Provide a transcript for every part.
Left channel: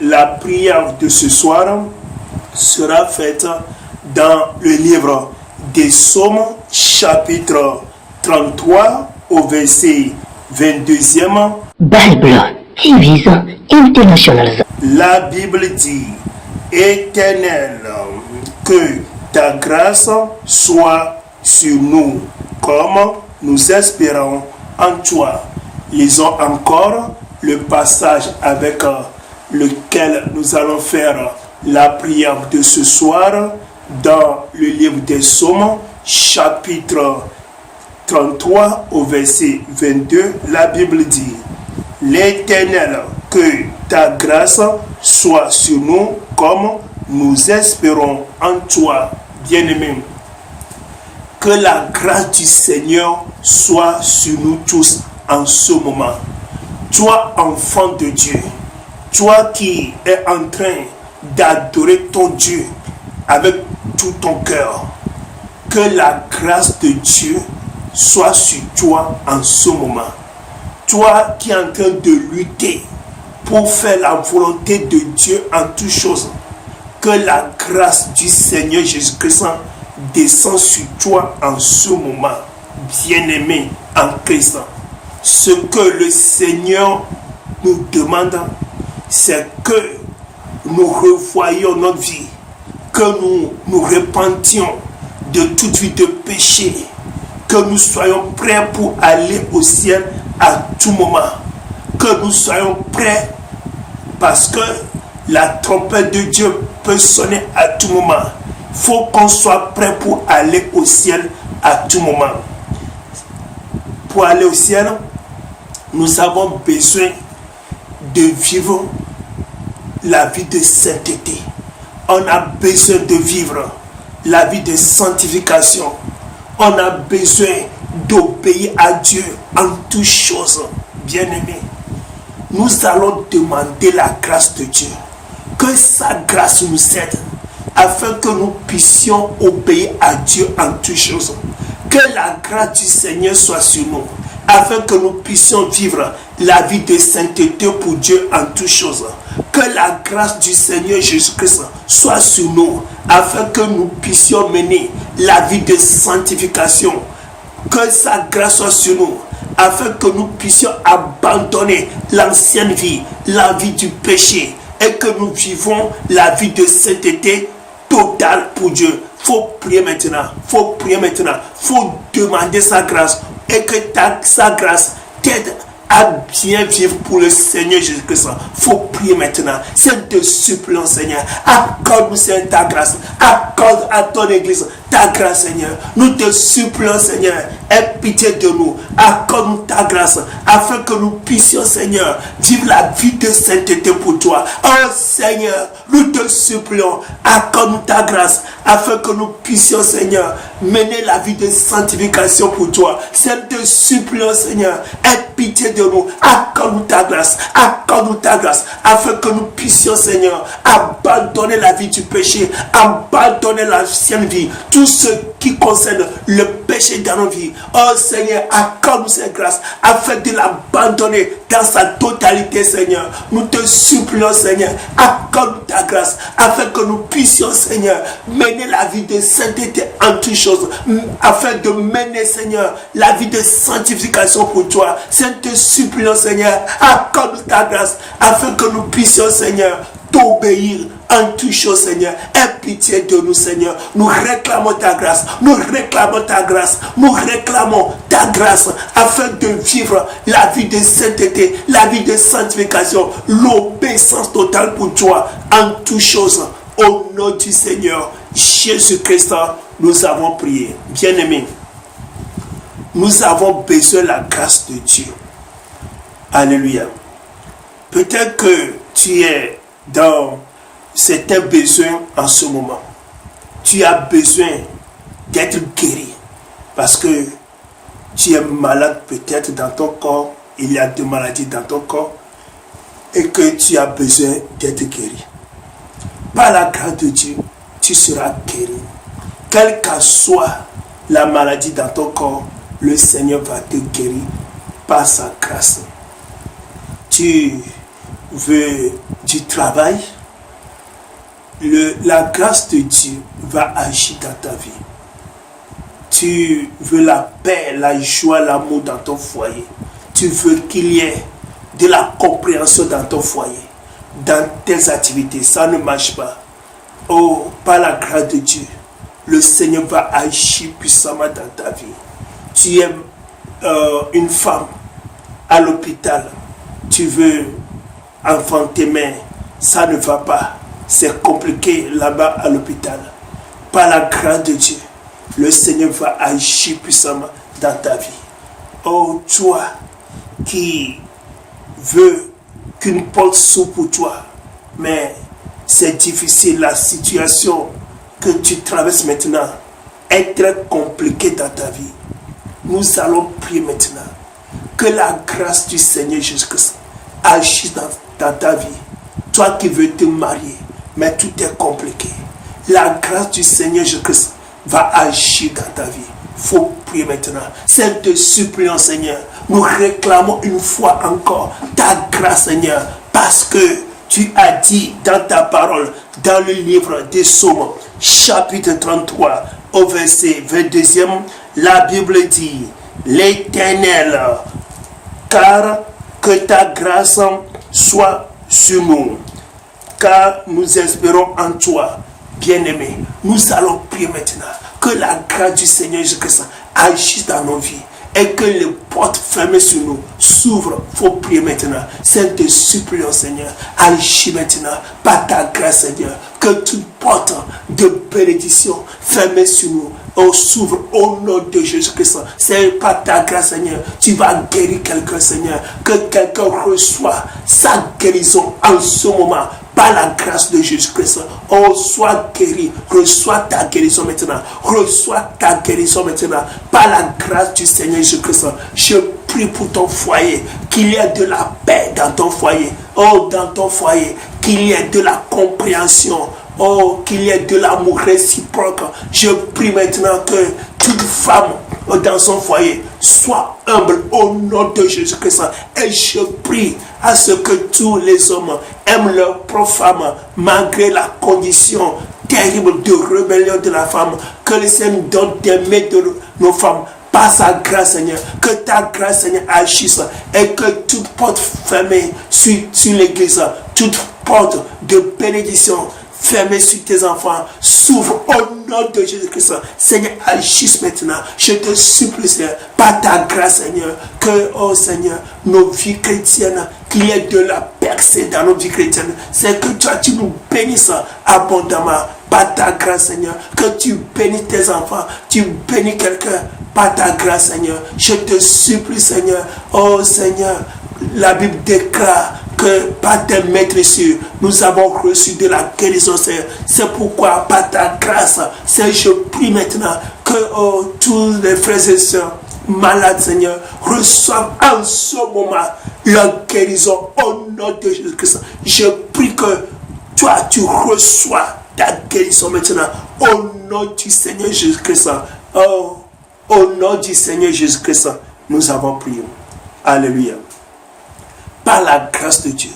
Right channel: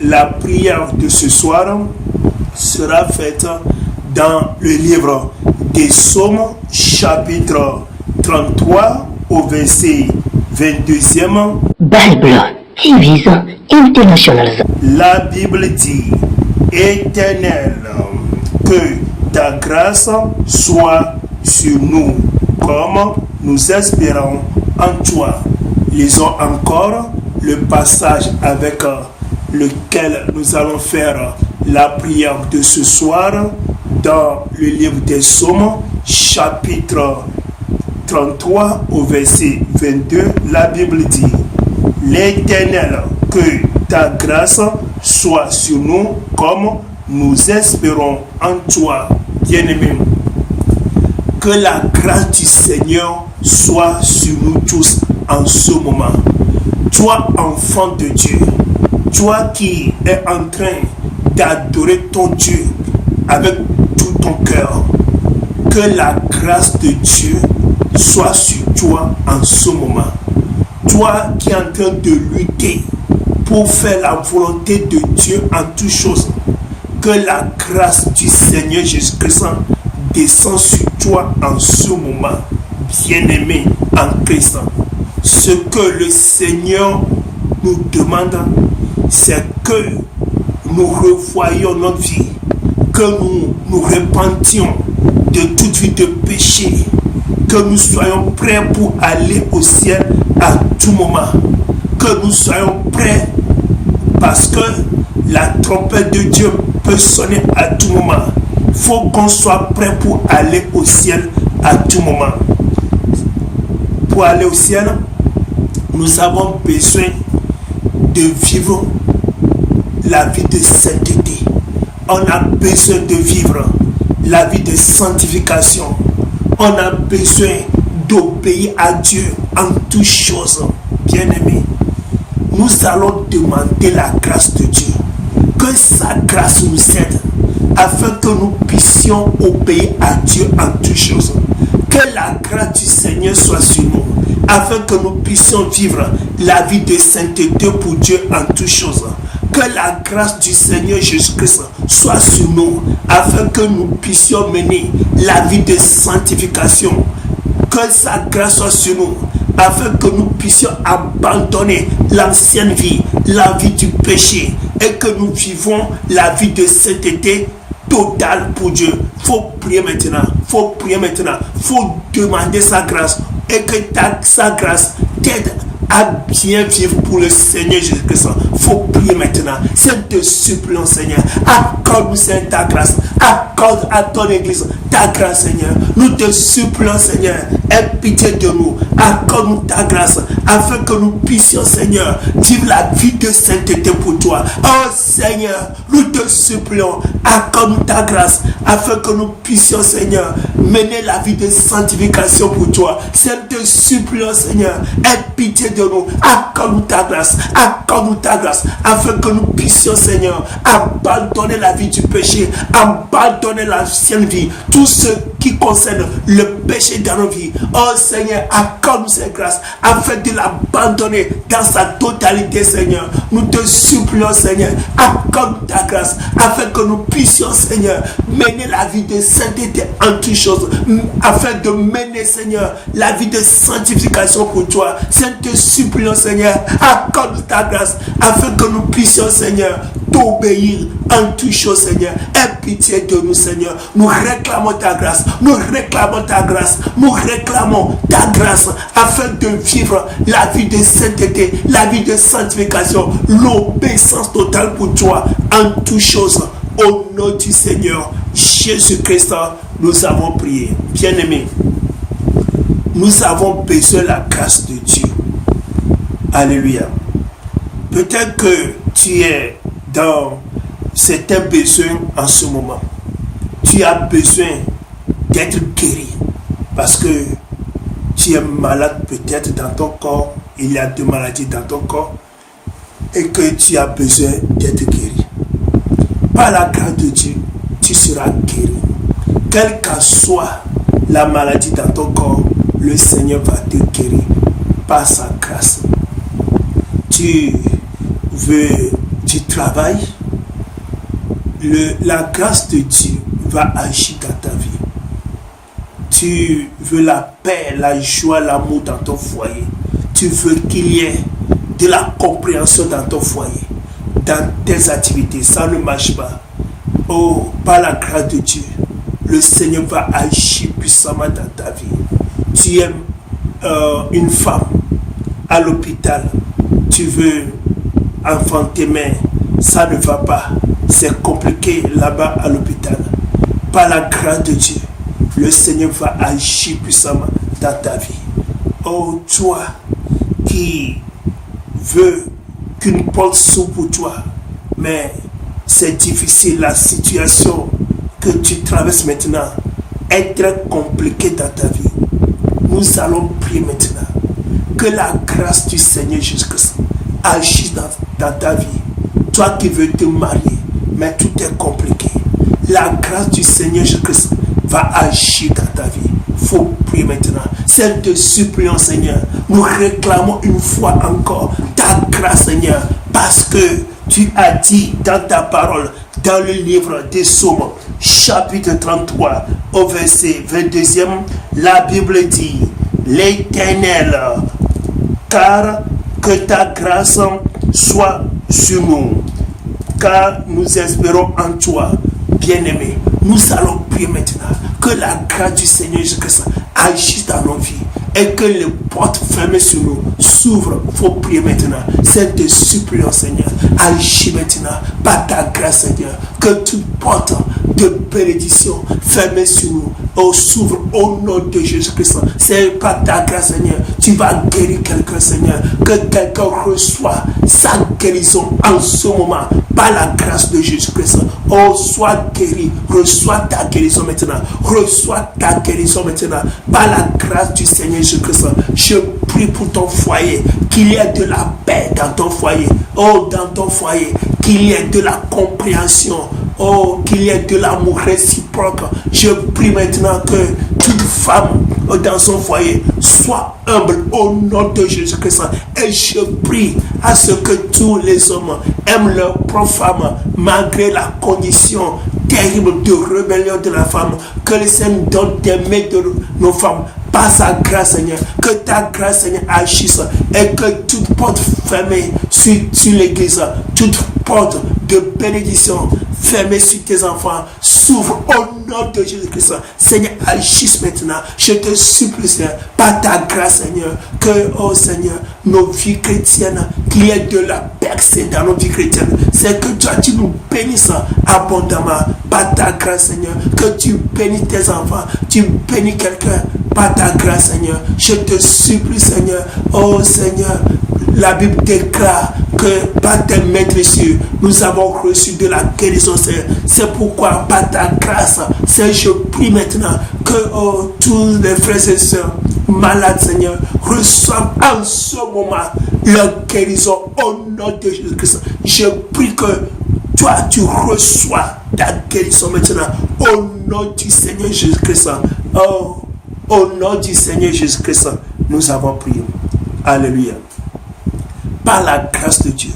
La prière de ce soir sera faite dans le livre des Psaumes, chapitre 33 au verset 22e. Bible TV International. La Bible dit: Éternel, que ta grâce soit sur nous, comme nous espérons en toi. Lisons encore le passage avec lequel nous allons faire la prière de ce soir dans le livre des Psaumes, chapitre 33 au verset 22. La Bible dit: L'Éternel, que ta grâce soit sur nous comme nous espérons en toi. Bien-aimés, que la grâce du Seigneur soit sur nous tous en ce moment. Toi, enfant de Dieu, toi qui es en train d'adorer ton Dieu avec tout ton cœur, que la grâce de Dieu soit sur toi en ce moment. Toi qui es en train de lutter pour faire la volonté de Dieu en toutes choses, que la grâce du Seigneur Jésus-Christ descend sur toi en ce moment, bien-aimé en Christ. Ce que le Seigneur nous demande, c'est que nous revoyions notre vie, que nous nous repentions de toute vie de péché, que nous soyons prêts pour aller au ciel à tout moment, que nous soyons prêts parce que la trompette de Dieu peut sonner à tout moment. Il faut qu'on soit prêt pour aller au ciel à tout moment. Pour aller au ciel, nous avons besoin de vivre la vie de sainteté. On a besoin de vivre la vie de sanctification. On a besoin d'obéir à Dieu en toutes choses. Bien-aimés, nous allons demander la grâce de Dieu. Que sa grâce nous aide afin que nous puissions obéir à Dieu en toutes choses. Que la grâce du Seigneur soit sur nous afin que nous puissions vivre la vie de sainteté pour Dieu en toutes choses. Que la grâce du Seigneur Jésus-Christ soit sur nous afin que nous puissions mener la vie de sanctification. Que sa grâce soit sur nous afin que nous puissions abandonner l'ancienne vie, la vie du péché, et que nous vivons la vie de sainteté totale pour Dieu. Faut prier maintenant, faut demander sa grâce, et que sa grâce t'aide à bien vivre pour le Seigneur Jésus-Christ. Faut prier maintenant. C'est te suppliant, Seigneur. Accorde-nous, Seigneur, ta grâce. Accorde à ton église ta grâce, Seigneur. Nous te supplions, Seigneur. Aie pitié de nous. Accorde-nous ta grâce afin que nous puissions, Seigneur, vivre la vie de sainteté pour toi. Oh Seigneur, nous te supplions. Accorde-nous ta grâce afin que nous puissions, Seigneur, mener la vie de sanctification pour toi. C'est te supplions, Seigneur. Aie pitié de nous, accorde-nous ta grâce, afin que nous puissions, Seigneur, abandonner la vie du péché, abandonner l'ancienne vie, tout ce qui concerne le péché dans nos vies. Oh Seigneur, accorde-nous cette grâce, afin de l'abandonner dans sa totalité, Seigneur. Nous te supplions, Seigneur, accorde-nous ta grâce, afin que nous puissions, Seigneur, mener la vie de sainteté en toutes choses, afin de mener, Seigneur, la vie de sanctification pour toi. Te supplions, Seigneur, accorde ta grâce afin que nous puissions, Seigneur, t'obéir en toutes choses, Seigneur. Aie pitié de nous, Seigneur. Nous réclamons ta grâce, afin de vivre la vie de sainteté, la vie de sanctification, l'obéissance totale pour toi en toutes choses. Au nom du Seigneur Jésus-Christ, nous avons prié. Bien-aimés, nous avons besoin de la grâce de Dieu. Alléluia. Peut-être que tu es dans certains besoins en ce moment. Tu as besoin d'être guéri parce que tu es malade peut-être dans ton corps. Il y a des maladies dans ton corps et que tu as besoin d'être guéri. Par la grâce de Dieu, tu seras guéri. Quelle que soit la maladie dans ton corps, le Seigneur va te guérir par sa grâce. Tu veux tu travailles, la grâce de Dieu va agir dans ta vie. Tu veux la paix, la joie, l'amour dans ton foyer. Tu veux qu'il y ait de la compréhension dans ton foyer, dans tes activités. Ça ne marche pas. Oh, par la grâce de Dieu, le Seigneur va agir puissamment dans ta vie. Tu es une femme à l'hôpital. Tu veux enfanter, mais ça ne va pas. C'est compliqué là-bas à l'hôpital. Par la grâce de Dieu, le Seigneur va agir puissamment dans ta vie. Oh, toi qui veux qu'une porte s'ouvre pour toi, mais c'est difficile, la situation que tu traverses maintenant est très compliquée dans ta vie. Nous allons prier maintenant que la grâce du Seigneur Jésus-Christ agisse dans ta vie. Toi qui veux te marier, mais tout est compliqué. La grâce du Seigneur Jésus-Christ va agir dans ta vie. Il faut prier maintenant. C'est de supplier, Seigneur. Nous réclamons une fois encore ta grâce, Seigneur, parce que tu as dit dans ta parole, dans le livre des Psaumes, chapitre 33, au verset 22e, la Bible dit, l'Éternel, car que ta grâce soit sur nous, car nous espérons en toi, bien-aimé. Nous allons prier maintenant que la grâce du Seigneur Jésus-Christ agisse dans nos vies et que les portes fermées sur nous s'ouvrent. Il faut prier maintenant. C'est de supplier, Seigneur. Agis maintenant par ta grâce, Seigneur. Que toute porte de bénédiction fermée sur nous s'ouvre au nom de Jésus-Christ. C'est par ta grâce, Seigneur. Tu vas guérir quelqu'un, Seigneur. Que quelqu'un reçoit sa guérison en ce moment par la grâce de Jésus-Christ. Oh, sois guéri. Reçois ta guérison maintenant. Reçois ta guérison maintenant par la grâce du Seigneur Jésus-Christ. Je prie pour ton foyer, qu'il y ait de la paix dans ton foyer. Oh, dans ton foyer, qu'il y ait de la compréhension. Oh, qu'il y ait de l'amour réciproque. Je prie maintenant que toute femme dans son foyer soit humble au nom de Jésus-Christ. Et je prie à ce que tous les hommes aiment leur propre femme malgré la condition terrible de rébellion de la femme. Que le Seigneur donne d'aimer de nos femmes par sa grâce, Seigneur. Que ta grâce, Seigneur, agisse et que toute porte fermée sur l'église, toute porte de bénédiction fermée sur tes enfants s'ouvre au nom de Jésus-Christ. Seigneur, agisse maintenant. Je te supplie, Seigneur, par ta grâce, Seigneur, que, oh Seigneur, nos vies chrétiennes, qu'il y ait de la percée dans nos vies chrétiennes. C'est que toi, tu nous bénisses abondamment par ta grâce, Seigneur. Que tu bénis tes enfants, tu bénis quelqu'un par ta grâce, Seigneur. Je te supplie, Seigneur. Oh Seigneur, la Bible déclare que par tes maîtresses, nous avons reçu de la guérison, Seigneur. C'est pourquoi, par ta grâce, Seigneur, je prie maintenant que tous les frères et sœurs malades, Seigneur, reçoivent en ce moment leur guérison au nom de Jésus-Christ. Je prie que toi, tu reçois ta guérison maintenant au nom du Seigneur Jésus-Christ. Oh, au nom du Seigneur Jésus-Christ, nous avons prié. Alléluia. Par la grâce de Dieu,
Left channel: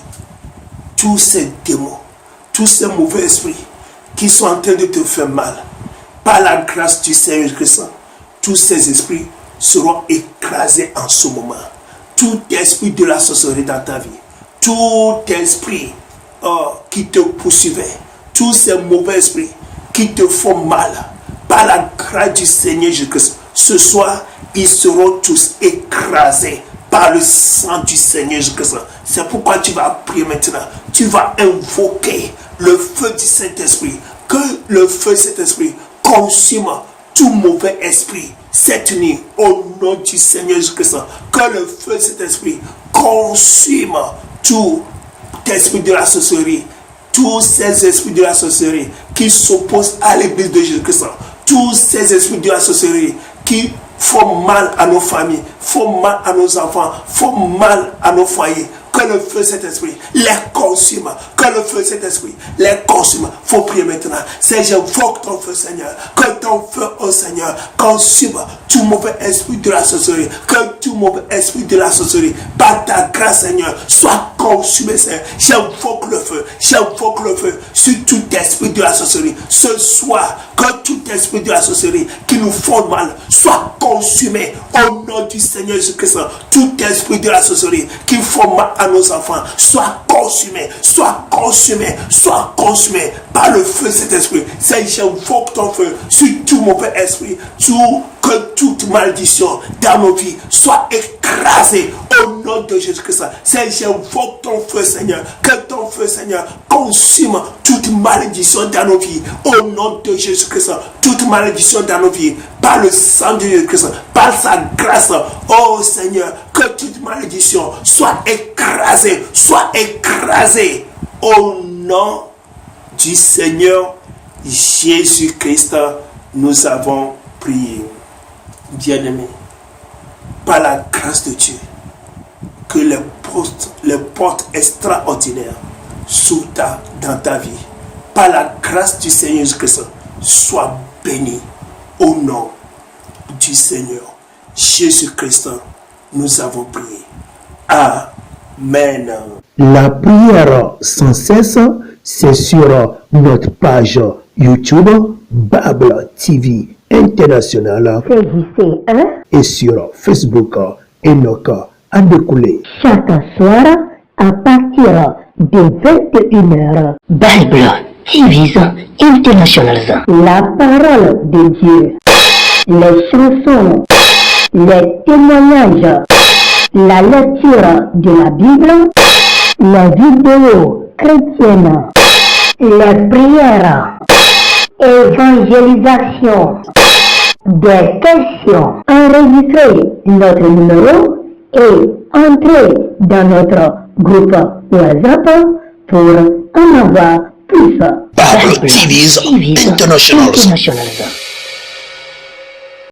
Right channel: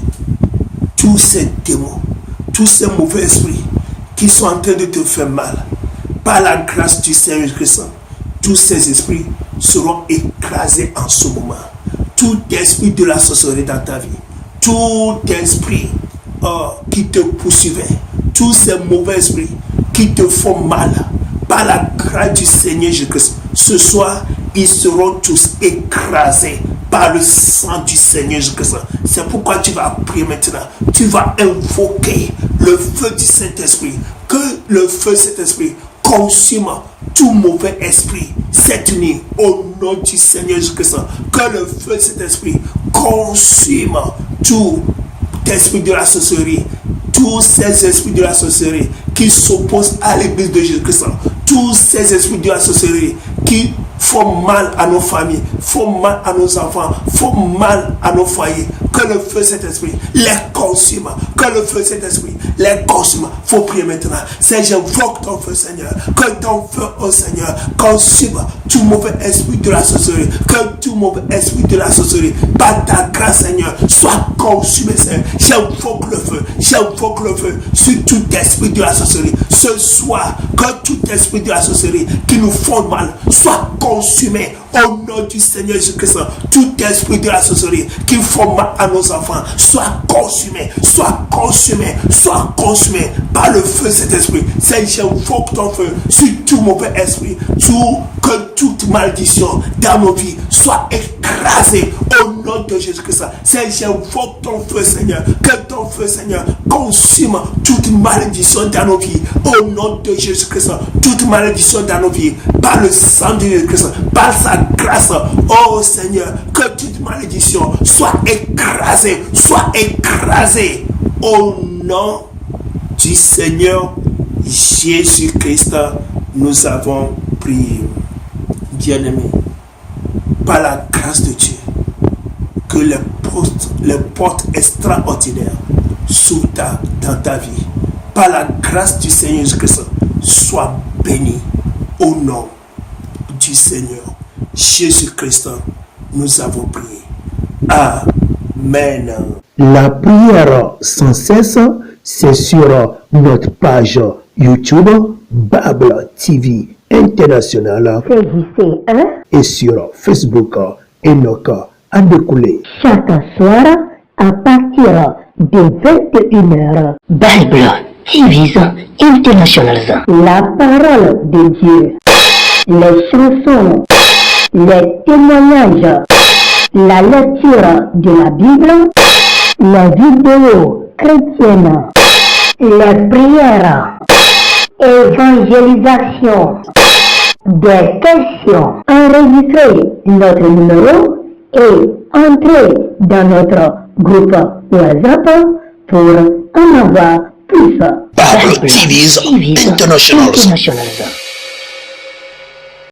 tous ces démons, tous ces mauvais esprits qui sont en train de te faire mal, par la grâce du Seigneur Jésus-Christ, tous ces esprits seront écrasés en ce moment. Tout esprit de la sorcellerie dans ta vie, tout esprit qui te poursuivait, tous ces mauvais esprits qui te font mal, par la grâce du Seigneur Jésus-Christ, ce soir, ils seront tous écrasés par le sang du Seigneur Jésus-Christ. C'est pourquoi tu vas prier maintenant. Tu vas invoquer le feu du Saint-Esprit. Que le feu du Saint-Esprit consume tout mauvais esprit cette nuit au nom du Seigneur Jésus-Christ. Que le feu du Saint-Esprit consume tout esprit de la sorcellerie, tous ces esprits de la sorcellerie qui s'opposent à l'église de Jésus-Christ, tous ces esprits de la sorcellerie qui font mal à nos familles, font mal à nos enfants, font mal à nos foyers. Que le feu de cet esprit les consume. Que le feu de cet esprit les consume. Il faut prier maintenant. Seigneur, j'invoque ton feu, Seigneur. Que ton feu, oh Seigneur, consume tout mauvais esprit de la sorcellerie, que tout mauvais esprit de la sorcellerie, par ta grâce, Seigneur, soit consumé, Seigneur. J'invoque le feu sur tout esprit de la sorcellerie. Ce soir, que tout esprit de la sorcellerie qui nous font mal soit consumé au nom du Seigneur Jésus-Christ. Tout esprit de la sorcellerie qui font mal à nos enfants soit consumé par le feu de cet esprit. Seigneur, j'invoque ton feu sur tout mauvais esprit, que toute malédiction dans nos vies soit écrasée au nom de Jésus-Christ. Seigneur, j'invoque ton feu, Seigneur, que ton feu, Seigneur, consume toute malédiction dans nos vies au nom de Jésus-Christ. Toute malédiction dans nos vies par le sang de Jésus-Christ, par sa grâce. Oh Seigneur, que toute malédiction soit écrasée au nom du Seigneur Jésus-Christ. Nous avons prié. Bien-aimé, par la grâce de Dieu, que les portes extraordinaires s'ouvrent dans ta vie. Par la grâce du Seigneur Jésus-Christ, sois béni au nom du Seigneur Jésus-Christ. Nous avons prié. Amen. La prière sans cesse, c'est sur notre page YouTube Bible TV International et sur Facebook Enoch Adécoulé. Chaque soir, à partir de 21h, Bible TV International. La parole de Dieu, les chansons, les témoignages, la lecture de la Bible, les vidéos chrétiennes, les prières, évangélisation, des questions. Enregistrez notre numéro et entrez dans notre groupe WhatsApp pour en avoir plus. Bible TV International.